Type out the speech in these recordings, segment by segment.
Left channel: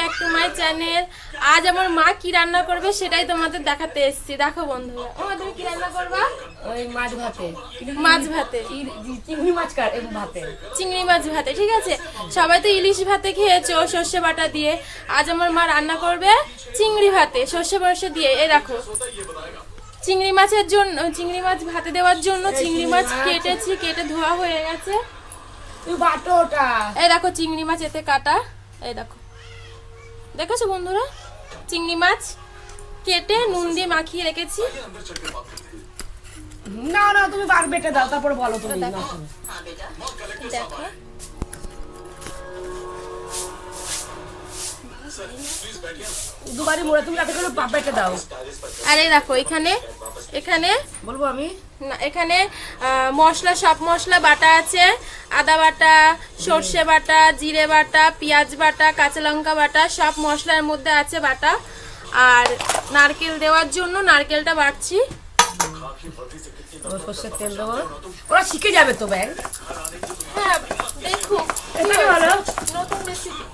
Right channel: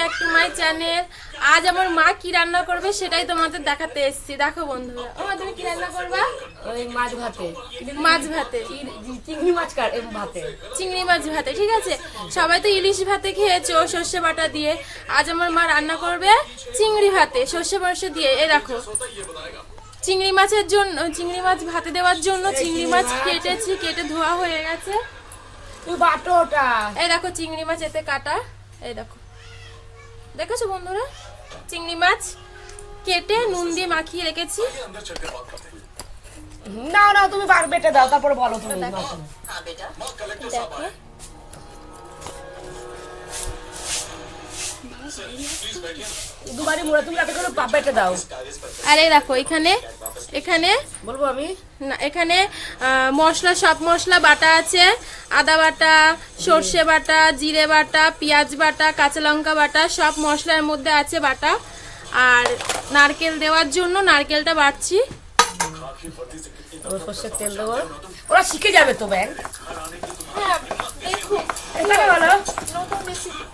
Back to my channel আজ আমার মা কি রান্না করবে সেটাই তোমাদের দেখাতে এসেছি। দেখো বন্ধুরা। ও তুমি কি রান্না করবা? ওই মাছ ভাতে। মাছ ভাতে। চিংড়ি মাছ ভাতে। চিংড়ি মাছ ভাতে ঠিক আছে? সবাই তো ইলিশ ভাতে খেয়েছো সর্ষে বাটা দিয়ে। আজ আমার মা রান্না করবে চিংড়ি ভাতে সর্ষে বর্ষে দিয়ে। এই দেখো। চিংড়ি মাছের জন্য চিংড়ি মাছ ভাতে দেওয়ার জন্য চিংড়ি মাছ কেটেছি কেটে ধোয়া হয়ে গেছে। তুই বাটো ওটা এই দেখো চিংড়ি মাছ এতে কাটা। এই দেখো। দেখেছ বন্ধুরা? চিংড়ি মাছ কেটে নুন দিয়ে মাখিয়ে রেখেছি। না না তুমি বার বেটে দাও তারপরে বলো তুমি। দেখো। দুবারই মোড়ে তুমি তাতে করে বেটে দাও। আর দেখো এখানে এখানে বলব আমি? না এখানে মশলা সব মশলা বাটা আছে। আদা বাটা সর্ষে বাটা জিরে বাটা পেঁয়াজ বাটা কাঁচা লঙ্কা বাটা সব মশলার মধ্যে আছে বাটা। আর নারকেল দেওয়ার জন্য নারকেলটা বাটছি। সর্ষের তেল দেবো। ওরা শিখে যাবে তো ব্যাগ হ্যাঁ দেখো নতুন রেসিপি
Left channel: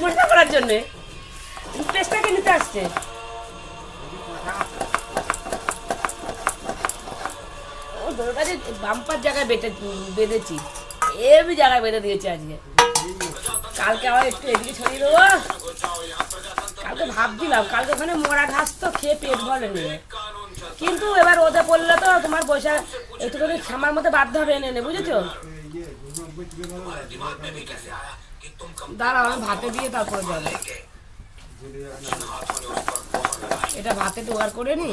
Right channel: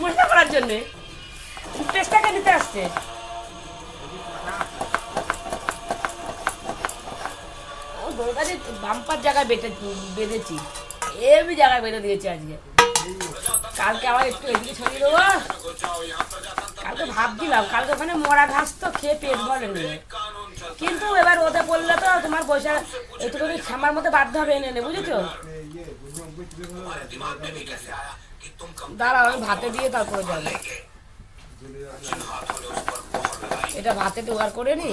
মজা করার জন্যে। নিতে আসছে? বাম্পার জায়গায় বেঁধেছি। এমনি জায়গায় বেঁধে দিয়েছি আজকে। কালকে আবার একটু এদিকে ছড়িয়ে দেবো। কালকে ভাবছিলাম, কালকে ওখানে মরা ঘাস তো খেয়ে পেট ভরে নিয়ে কিন্তু এবার ওদের বললে তো তোমার পয়সা একটুখানি খামার মধ্যে বাধ্য হবে এনে নে বুঝেছ? দাঁড়াও, আমি ভাতে দিয়ে তারপরে যাব। এটা ভাতে জোগাড় করে নি?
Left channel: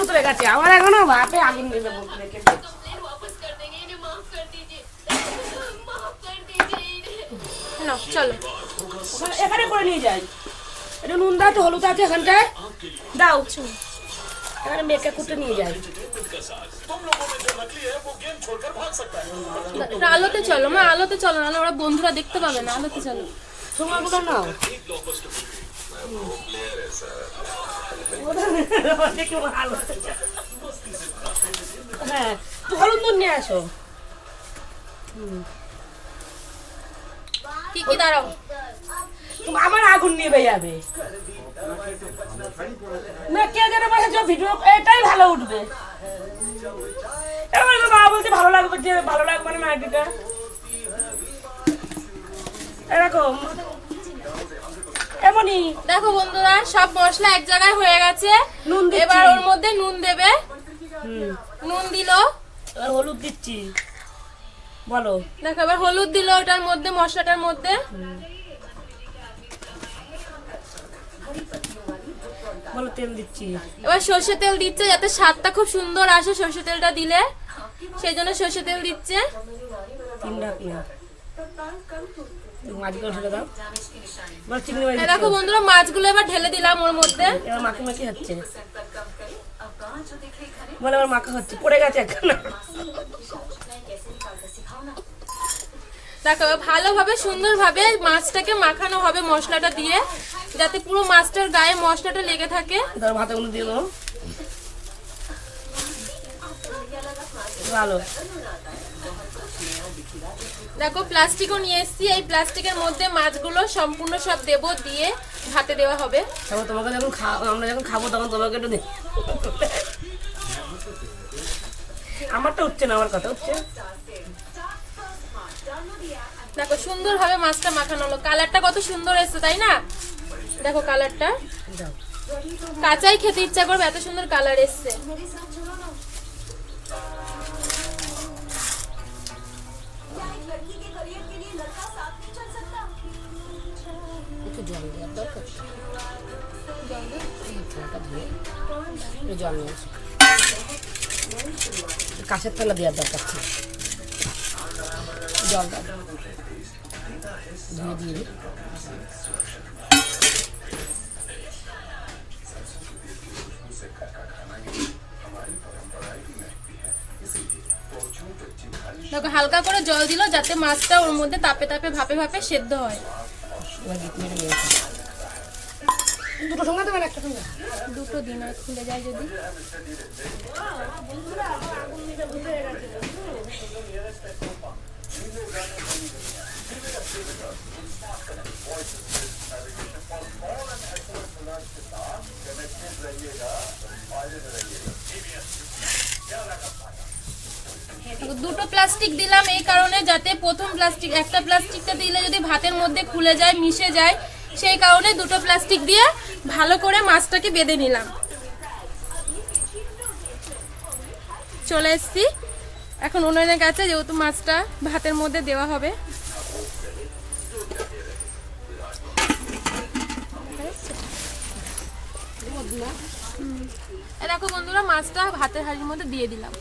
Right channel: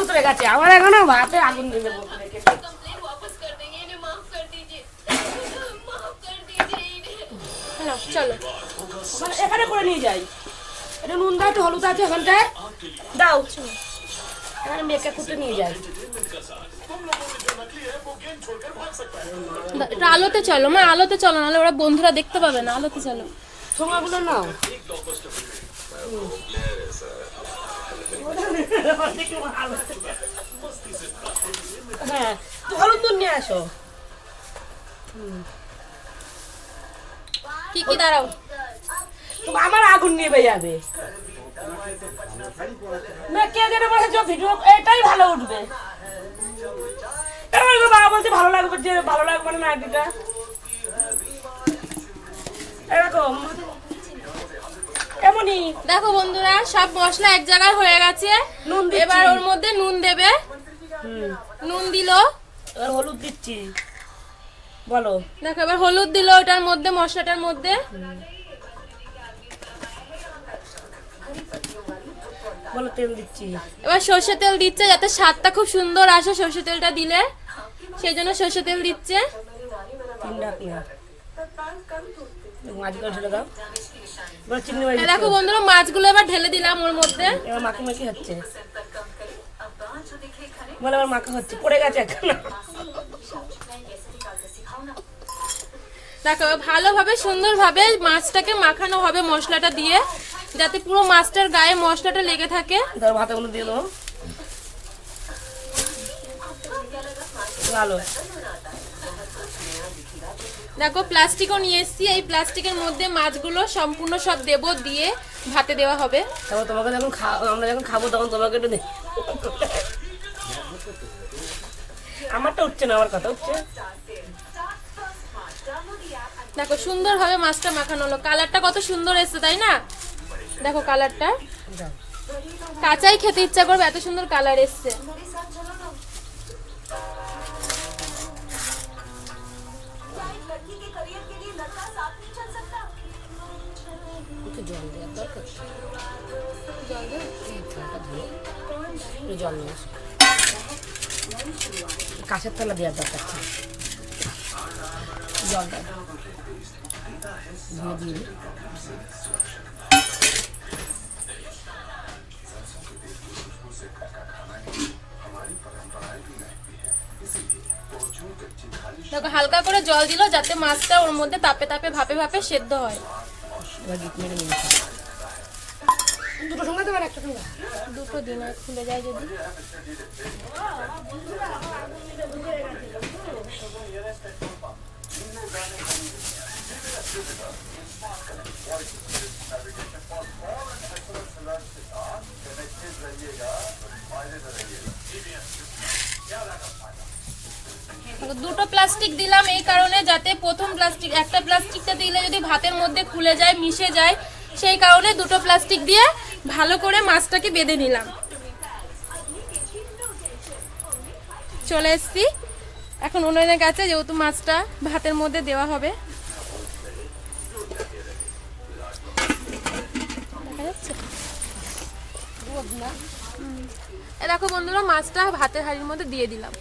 উতরে গেছে। আমার এখানে আগুন দিয়ে দেবো চলো। ওখানে- এখানে করে নিয়ে যাই। এটা নুন দাও একটু হলুদ আছে এখানটায়। দাও। এখানে মেয়েকে কুটে নিয়ে যাই। আলোতে চলো মা আলোতে চলো নাহলে ওরা বন্ধুরা দেখতে পাবে না। আলোতে চলো। সময়গুলো নাও। হ্যাঁ তো হলুদ নিয়ে আসো। কি কি দাঁড়াও। আমার আগুন নিভে যাবে। কে যেন বলেছে ভিডিও এটাই ভালো উঠবে। বাবা বলছে ভালো লাগবে যে ভালো লাগবে না নাইটিটা এরকম। এমনই দেখো বন্ধুরা সব মশলা এক জায়গায় হয়ে গেছে। নুন। এবার ওর মধ্যে নুন দেবে। নুন দিল। এবার হলুদ দিচ্ছি। বলো। দেখো এবার হলুদ দিল ওটার মধ্যে মশলাটার মধ্যে। বলো তেল দিচ্ছি। এবার সর্ষে তেল দিচ্ছে যাতে স্বাদটা খুব সুন্দর আসে সর্ষে তেলটা দিলে। সেই জন্য সর্ষে তেল দিচ্ছে। তিন ডাক না মাছ দাও। দেখো বন্ধুরা মাছগুলো এবার ঢেলে দিলাম ওর মধ্যে। এবার মাখি মাখি হচ্ছে। বলে এবার মাখা হচ্ছে পড়ে গেছে এখন। দেখো ভালোভাবে সুন্দরভাবে মাছটাকে মাখানো হবে মশলাটা দিয়ে যাতে পুরো মাছটার গায়ে মশলাটা লেগে থাকে। ধর ভাতাগুলো দিয়ে দেবো। ভালো। দেখো প্লাস্টিকও নিয়ে এসেছি। এই প্লাস্টিকের মধ্যে মাছগুলো সম্পূর্ণ সব দেবো দিয়ে ভাতে দেওয়া হবে। তারপর তোমাকে যখন আমরা যখন খাব তখন তোমাকে একটু আমারটা উঠছে না আমার কথা উঠছে? দেখো সুন্দরভাবে মাছটা মাখানো হলো। কালারটা কত সুন্দর এসেছে তাই না? দেখো কালারটা। কাঁচাই খেতে ইচ্ছা করবে এত সুন্দর কালার এসছে। একটু জল দেওয়ার দরকার? জল নিয়ে কাঁচের থালা দেওয়ার দরকার ছিল। জলটা ধুয়ে দিয়ে দেখো, হালকা করে জল দিল যাতে মাছটা ওর মধ্যে তাপে তাপে ভাপে ভাপে সেদ্ধ হয়। এবার গিট মেরে নিয়েছি দুটো সঙ্গে দেবেন একটা সঙ্গে দুটো দিনে খুলে যায় যদি। দুটো প্লাস্টিক দিলাম এই কারণে যাতে প্রথম প্লাস্টিক একটা প্লাস্টিকটা দিলে যদি ভাতের মধ্যে খুলে যায়, মিশে যায়, সেই কারণে দুটো প্লাস্টিক দিয়ে ভালো করে মাছটাকে বেঁধে নিলাম। চলে এসছি। এখন উনুনের কাছে যেহেতু মাছটা ভাতের মধ্যে দেওয়া হবে। দেখো বন্ধুরা, মাছটা ভাতের হাঁড়ির মধ্যে দিয়ে দিলাম।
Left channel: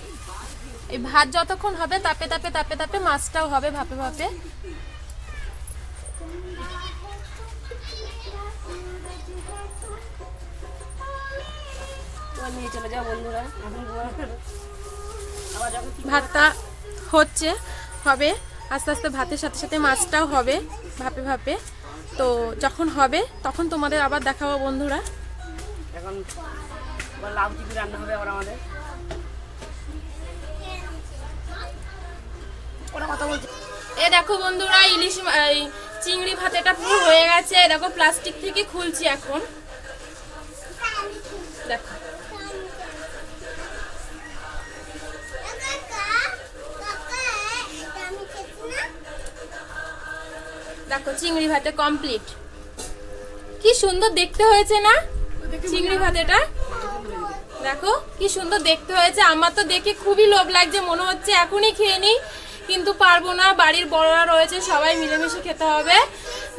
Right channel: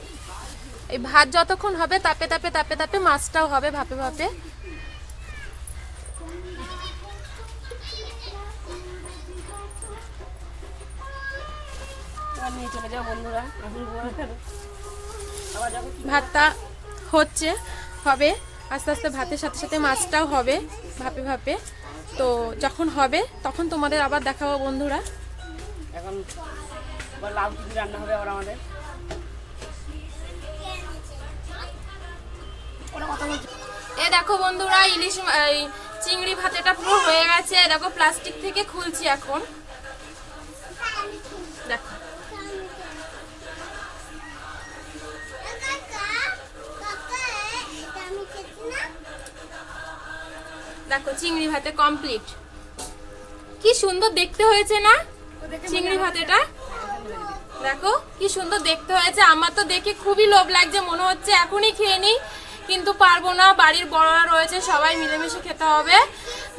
এই ভাত যতক্ষণ হবে তাপে তাপে তাপে তাপে মাছটাও হবে ভাপে ভাপে। ভাতটা হচ্ছে, হবে, আস্তে আস্তে ভাতের সাথে সাথে মাছটাও হবে ভাপে ভাপে। তো যখন হবে, তখন তোমাদের আবার দেখাবো বন্ধুরা। এখন লাউ রান্না হবে আবার আমাদের। ওরা কথা বলছে। এ দেখো বন্ধুরা ইলিশ চিংড়ি ভাতেটা পুরো হয়ে গেছে। দেখো প্লাস্টিক থেকে খুলছি এখন। দেখো। দেখো চিংড়ি ভাতে কমপ্লিট কি সুন্দর দেখতে হয়েছে না? চিংড়ি ভাতেটা? দেখো কি সুন্দর দেখতে হয়েছে। আমার তো দেখে খুবই লোভ লাগছে মনে হচ্ছে এখনই খেয়ে নিই। কিন্তু পারব না, বাড়ির বড়রা রয়েছে, সবাই মিলেমিশে খেতে হবে।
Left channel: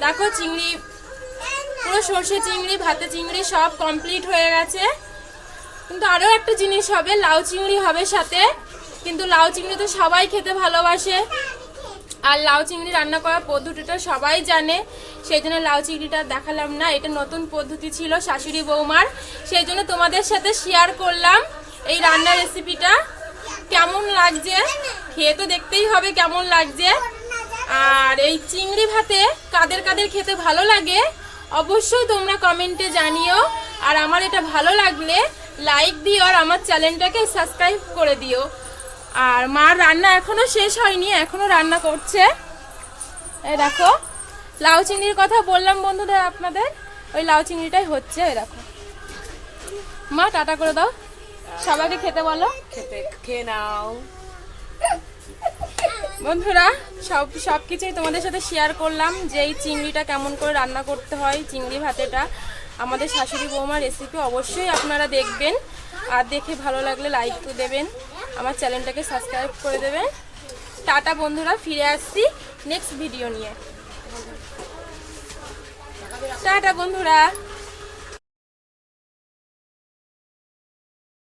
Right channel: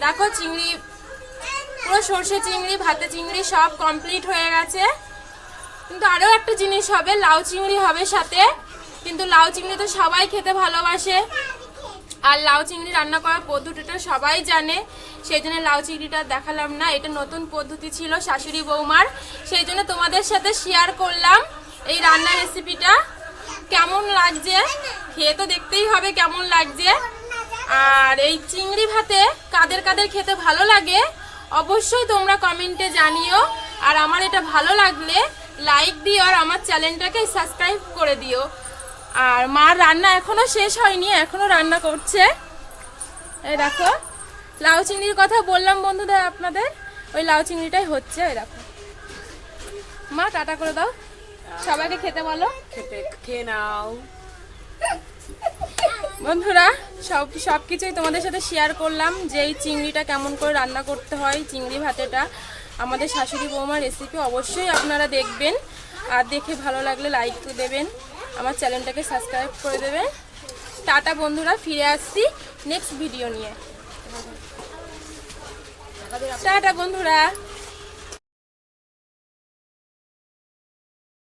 দেখো চিংড়ি, পুরো সর্ষে চিংড়ি, ভাতে চিংড়ি সব কমপ্লিট হয়ে গেছে। কিন্তু আরও একটা জিনিস হবে, লাউ চিংড়ি হবে সাথে। কিন্তু লাউ চিংড়ি তো সবাই খেতে ভালোবাসে। আর লাউ চিংড়ি রান্না করার পদ্ধতিটা সবাই জানে। সেই জন্য লাউ চিংড়িটা দেখালাম না, এটা নতুন পদ্ধতি ছিল শাশুড়ি বৌমার। সেই জন্য তোমাদের সাথে শেয়ার করলাম এই রান্নার রেসিপিটা কেমন লাগছে? খেয়ে তো দেখতেই হবে কেমন লাগছে। আর এই চিংড়ি ভাতে কাদের কাদের খেতে ভালো লাগে, অবশ্যই তোমরা কমেন্টে জানিও। আর আমার এটা ভালো লাগলে লাইক দিও আর আমার চ্যানেলটাকে সাবস্ক্রাইব করে দিও। আর মার রান্না এখনও শেষ হয়নি, এখনও রান্না করছে। এই দেখো, লাউ চিংড়ির কথা বললাম বন্ধুদের আপনাদের, ওই লাউ চিংড়িটাই হচ্ছে এরকম মা, টাটা করে দাও। সবাইকে খেতে বলো। খেতে খেয়ে নাও। বন্ধুরা সব সব কিছুই তোমাদের সাথে শেয়ার করলাম যে এই চিংড়িটা কেমন করে রান্না করতে হয় চিংড়ি ভাতেটা। আমাদের শাশুড়ি বৌমার রেসিপি অবশ্যই আপনারা দেখবেন। আর দেখে ভালো লাগলে লাইক দেবেন। আমার চ্যানেলটাকে সাবস্ক্রাইব করে দেবেন। টাটা বন্ধুরা ফিরে আসছি নেক্সট ভিডিও নিয়ে। টাটা বন্ধুরা।